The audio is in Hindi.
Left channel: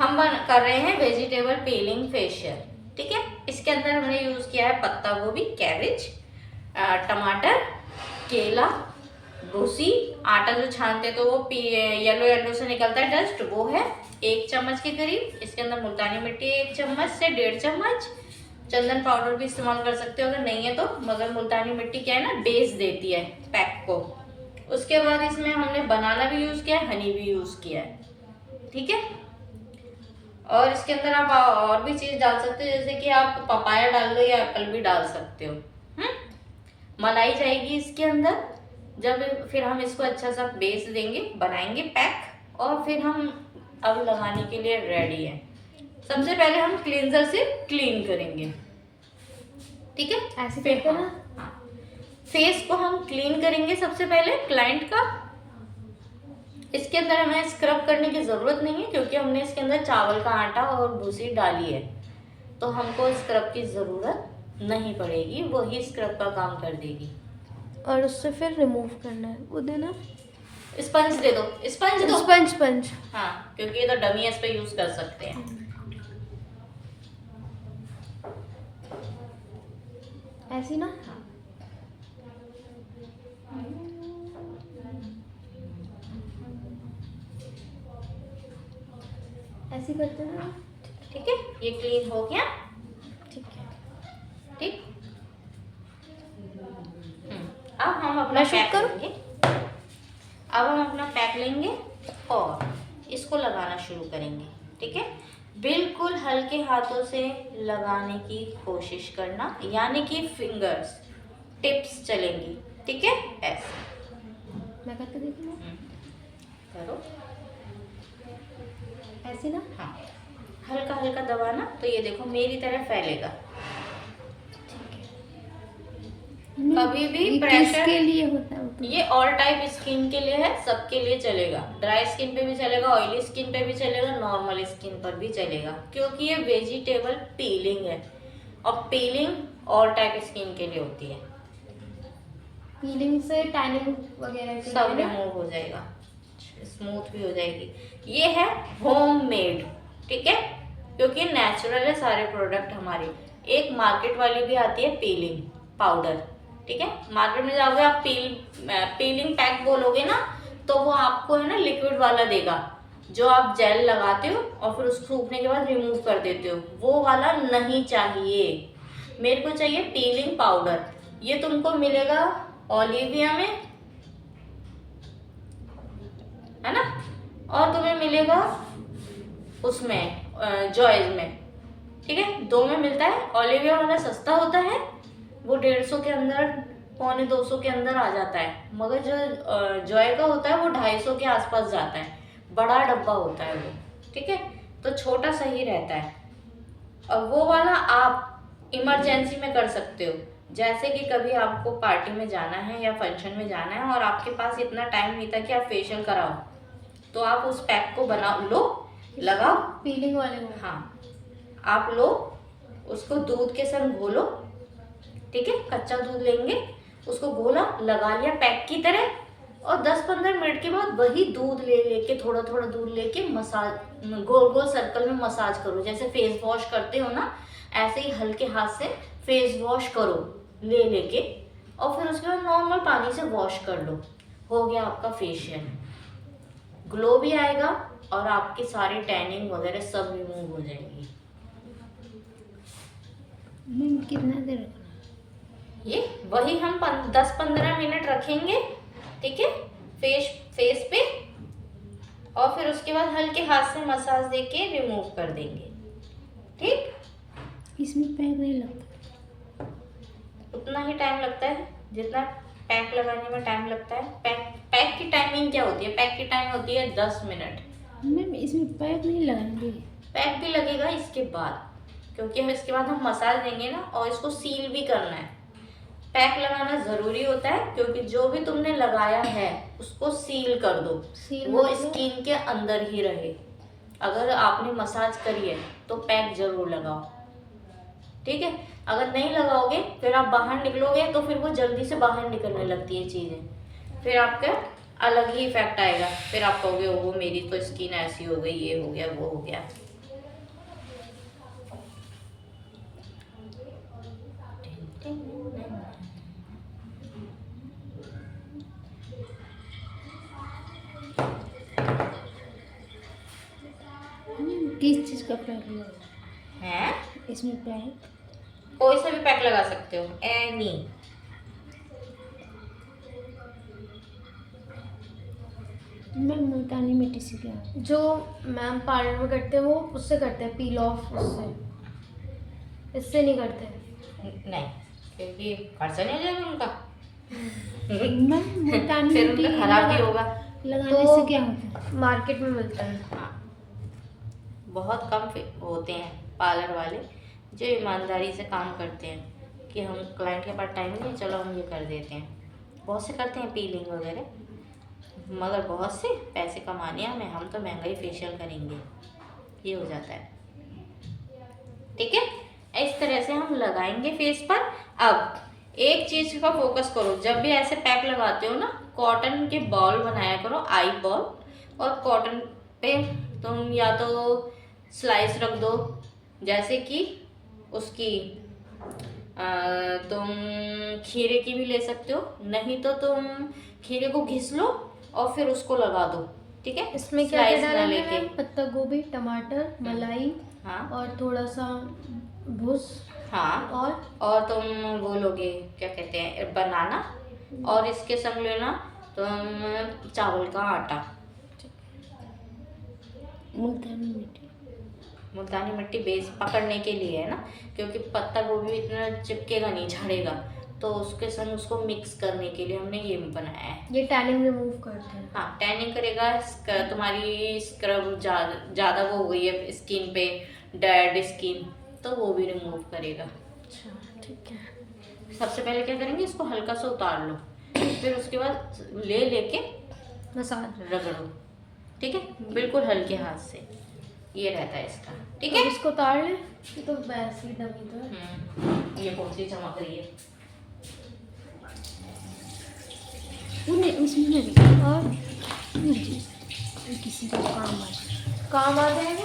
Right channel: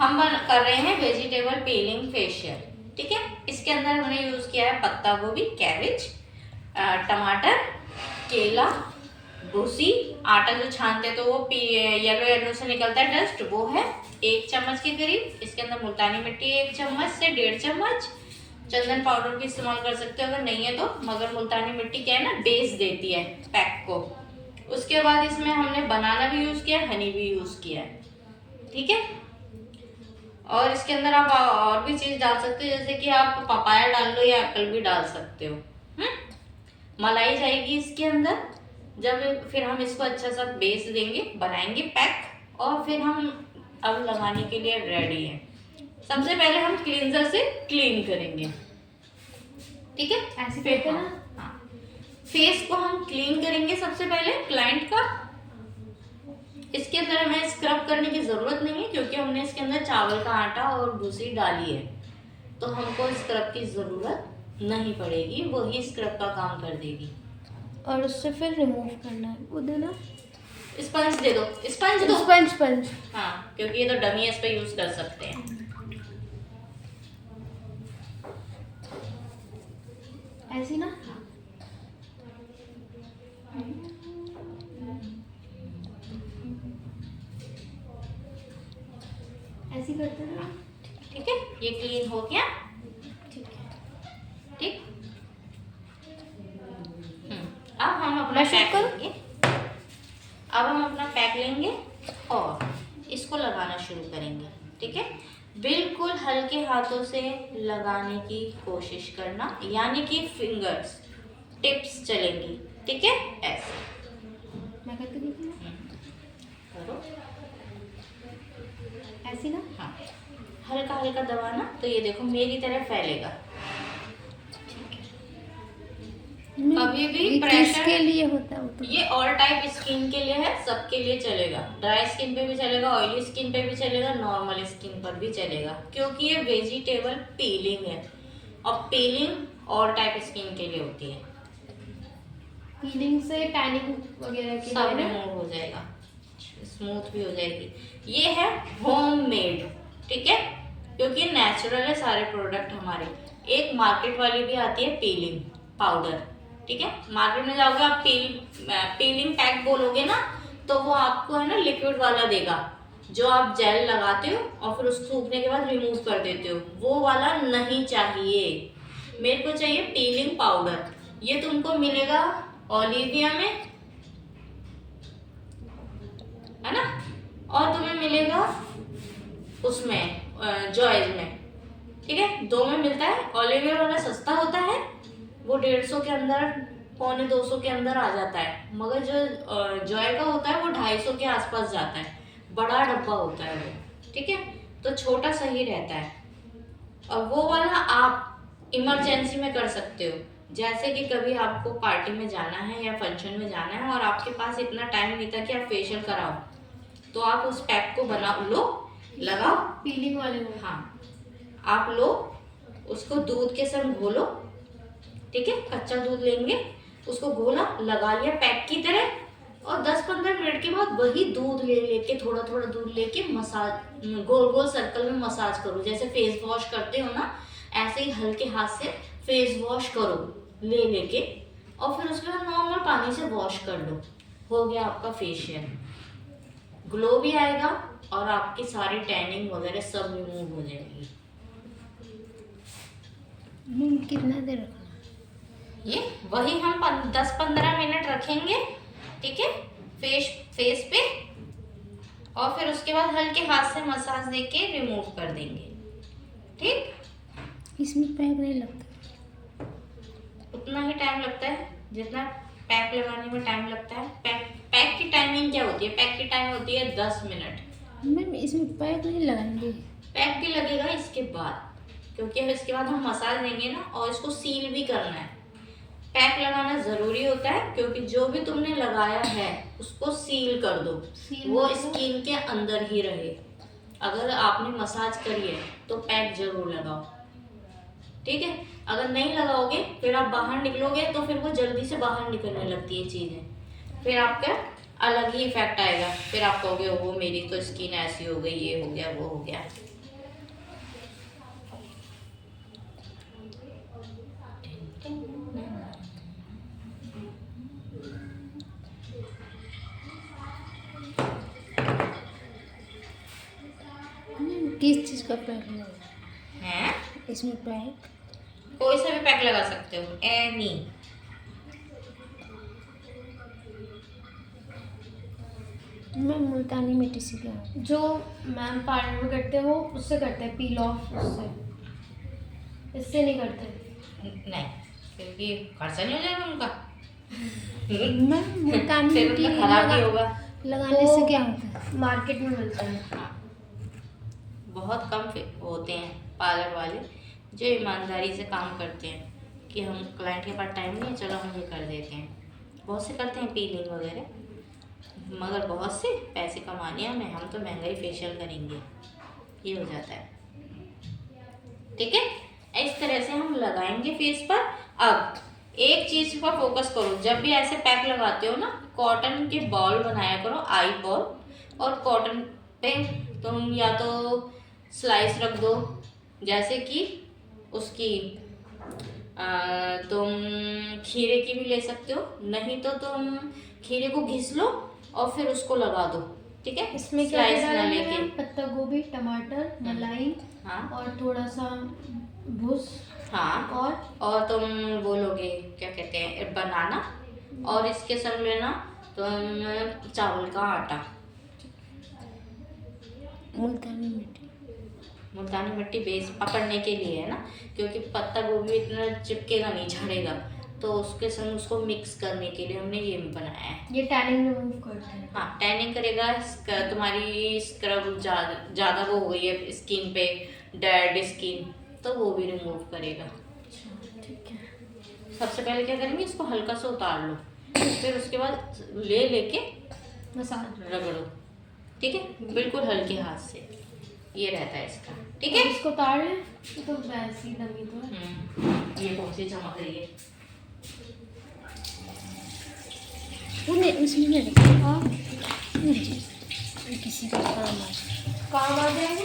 हम कर रहे हैं वेजिटेबल पीलिंग फेशियल। ठीक है, इसके अंदर हमने यूज किया है पत्ता गोभी, कैबेज, टमाटर, केला, भूसी, आटा जो छानते तो वो येलो येलो से निकलता है डस्ट, वो है 1 चम्मच के करीब। इसके अंदर मुल्तानी मिट्टी 1 चम्मच से 1.5 चम्मच। चंदन पाउडर भी इस्तेमाल कर सकते हो अगर नहीं है तो, मगर मुल्तानी मिट्टी क्या है ना, बेस देती है पैक को। उसके बाद इसमें हमने बनाना भी यूज किया है, हनी भी यूज किया है। ठीक है, और इसके अंदर आप और भी चीज डाल सकते हो, जैसे कि आप पपाया डाल लो या एप्पल भी डाल सकते हो। मलाई जाएगी इसके अंदर। जब फिर हम इसको अच्छा सा बेस देंगे, बनाएंगे पैक, और फिर हम अब लगाने के लिए रेडी है। सबसे पहले हम क्लींजर से क्लीन करेंगे। ठीक है, ऐसे करते ना। हाँ, फेस को हम क्लीन करेंगे सबसे पहले क्लाइंट का। इसके अंदर हमें स्क्रब करने की जरूरत नहीं है, क्योंकि हमने इसके अंदर चावल का आटा और भूसी डाली है, तो हमको स्क्रब की जरूरत नहीं पड़ेगी, वो ही स्क्रब का काम कर देगी। और उससे फिर रिमूव करना है, वो देना। स्पंज दे दो, स्पंज दो। स्पंज। हाँ, क्योंकि ये तो डमी है, इस पे यूज कर सकते हैं। ऐसी ना। ऐसी करते ना। ठीक है, ये क्लीन हो गया। ठीक है। ठीक, अब हम अपना मैं पैक करूं? लेंगे। अब हम अपना पैक लेंगे और इसको लगाना शुरू करेंगे। ठीक है, बिल्कुल हल्के हाथों से लगाने की कोशिश करना, यानी कि फिंगर्स टिप्स चलेंगी। ठीक है, ऐसे मैं करके देखूं ना। करो। ऐसी ना। हाँ, हल्का हल्का दबाना, तो ये देखो मेरी तरह फैलेगा। कभी भी प्रेशर के लिए होता है वो तो। ये ऑल टाइप स्किन के लिए है, सबके लिए चलेगा। ड्राई स्किन पे भी चलेगा, ऑयली स्किन पे भी चलेगा, नॉर्मल स्किन पर भी चलेगा, क्योंकि ये वेजिटेबल पीलिंग है, और पीलिंग ऑल टाइप स्किन के लिए होती है। पीलिंग से टैनिंग वगैरह के सब लिए रिमूव हो जाएगा, स्मूथ भी हो जाएगी। ये है होममेड। ठीक है, क्योंकि नेचुरल है सारे प्रोडक्ट हमारे। एक मार्केट वाली भी आती है पीलिंग पाउडर। ठीक है, मार्केट में जाओगे आप पीलिंग पैक बोलोगे ना, तो वो आपको है ना लिक्विड वाला देगा, जो आप जेल लगाते हो और फिर उसको सूखने के बाद रिमूव कर देते हो। वो वाला नहीं चाहिए, मेरे को चाहिए पीलिंग पाउडर। ये तुमको मिलेगा ओलिविया में, है ना, और तुम्हें मिलेगा उसमें जॉयज में। ठीक है, 2 में मिलता है। ओलिविया वाला सस्ता होता है, वो 150 के अंदर, 125 के अंदर आ जाता है, मगर जो जॉय का होता है वो 250 के आसपास जाता है, बड़ा डब्बा होता है वो। ठीक है, तो छोटा सही रहता है। और वो वाला आप इमरजेंसी में कर सकते हो, जैसे कि कभी आपको पार्टी में जाना है या फंक्शन में जाना है और आपके पास इतना टाइम नहीं था कि आप फेशियल कराओ, तो आप उस पैक को बना लो, लगाओ। पीलिंग वाले में। हाँ, आप लो उसको, दूध के संग घोलो। ठीक है, कच्चा दूध लेंगे, उसको घोला, लगा लिया पैक की तरह, और 10-15 मिनट के बाद वही दूध लेके, थोड़ा थोड़ा दूध लेके मसाज, गोल गोल सर्कल में मसाज करो, जैसे फेस वॉश करते हो ना, ऐसे ही हल्के हाथ से फेस वॉश करो ले लेके, और फिर उसके बाद नॉर्मल पानी से वॉश कर लो। हो गया आपका फेशियल। ग्लो भी आएगा और आपकी सारी टैनिंग वगैरह सब रिमूव हो जाएगी। कितना देर रखना? ये वही हम 10-15 मिनट रखेंगे। ठीक है, फेस पे, और फिर उसके बाद हल्के हाथ से मसाज देके रिमूव कर देंगे। ठीक, इसमें पैक नहीं लगता। उतना ही टाइम लगता है जितना पैक लगाने में टाइम लगता है। पैक की टाइमिंग क्या होती है? पैक की टाइम होती है 10 मिनट। मैम इसमें पैक नहीं लगाएंगे? पैक भी लगेगा इसके बाद, क्योंकि हम इसके बाद हम मसाज देंगे ना, और इसको सील भी करना है। पैक लगाना जरूरी होता है, क्योंकि जो भी तुमने लगाया है उसको सील कर दो, वो स्किन के अंदर ही रहे। अगर आपने मसाज करी है तो पैक जरूर लगाओ। ठीक है, अगर नहीं लगाओगे फिर आप बाहर निकलोगे तो फिर वो जल्दी से बाहर निकलने लगती है चीजें, फिर आपका अलग ही इफेक्ट आएगा। फिर आप कहोगे वो मेरी तो स्किन ऐसी हो गई, ये हो गया, वो हो गया। किस चीज़ का पैक लगा हैं? इसमें पैक? कोई सा भी पैक लगा सकते हो, एनी। मैं मुल्तानी मिट्टी से क्या हूँ? जो मैम पार्लर में करते हैं वो उससे करते हैं, पील ऑफ उससे, इससे नहीं करते। नहीं, क्योंकि खर्चा नहीं हो जाएगा उनका। मैं मुल्तानी फिर मिट्टी उनका खराब भी होगा। लगाने तो से क्या होता है? मार्केट में मिलता है। हाँ, बहुत कम होते हैं पार्लर वाले जो ईमानदारी से काम करते हैं कि हम क्लाइंट के पास टाइम नहीं है, चलो हम ये कर देते हैं। बहुत से करते हैं पीलिंग वगैरह, मगर बहुत से पैसे कमाने हैं, हम तो महंगा ही फेशियल करेंगे, ये हो जाता है। ठीक है, इस तरह से हम लगाएंगे फेस पर। अब एक चीज़ का फोकस करो, जब भी ऐसे पैक लगाते हो ना, कॉटन के बॉल बनाया करो, आई बॉल, और कॉटन पे तुम या तो स्लाइस रख दो, जैसे कि उसकी तुम खीरे की भी ले सकते हो, नहीं तो तुम खीरे को घिस लो और फिर उसको लगा दो। ठीक है, इसमें क्या क्या स्लाइस ना डालेंगे लेके। मैम? पत्ता गोभी, टमाटर, मलाई हाँ और थोड़ा सा भूस हाँ, और तुम बोलोगे क्या कहते हैं, बनाना, और इसके संग लेना तुम चावल का आटा। मुल्तानी मिट्टी। मुल्तानी मिट्टी बेस पकड़ने के लिए है ना, क्योंकि पत्ता गोभी इतना चिपकेगा नहीं, झड़ेगा, तो उसके संग उसको मिक्स करने के लिए हमने ये बनाया है। ये टैनिंग रिमूव करते हैं। हाँ, टैनिंग करेगा, तुम्हारी स्क्रब ज़्यादा वो हो गई है स्किन पे, डेड स्किन, तो वो भी रिमूव करेगा। अच्छा ठीक है। सबसे पहले क्या करेंगे, इसको हल्का सा उतार लो, फिर उसके बाद लेके मसाज। रगड़ो। ठीक है, बिल्कुल हल्के हाथ से, ये रहता है इसका। ठीक है, इसको उतार लें, ये तो वैसे ही दमी तो है। ये बहुत सी चमक रही है। उसमें नहीं और किसी का काम आ जाए। काम आ जाएगा।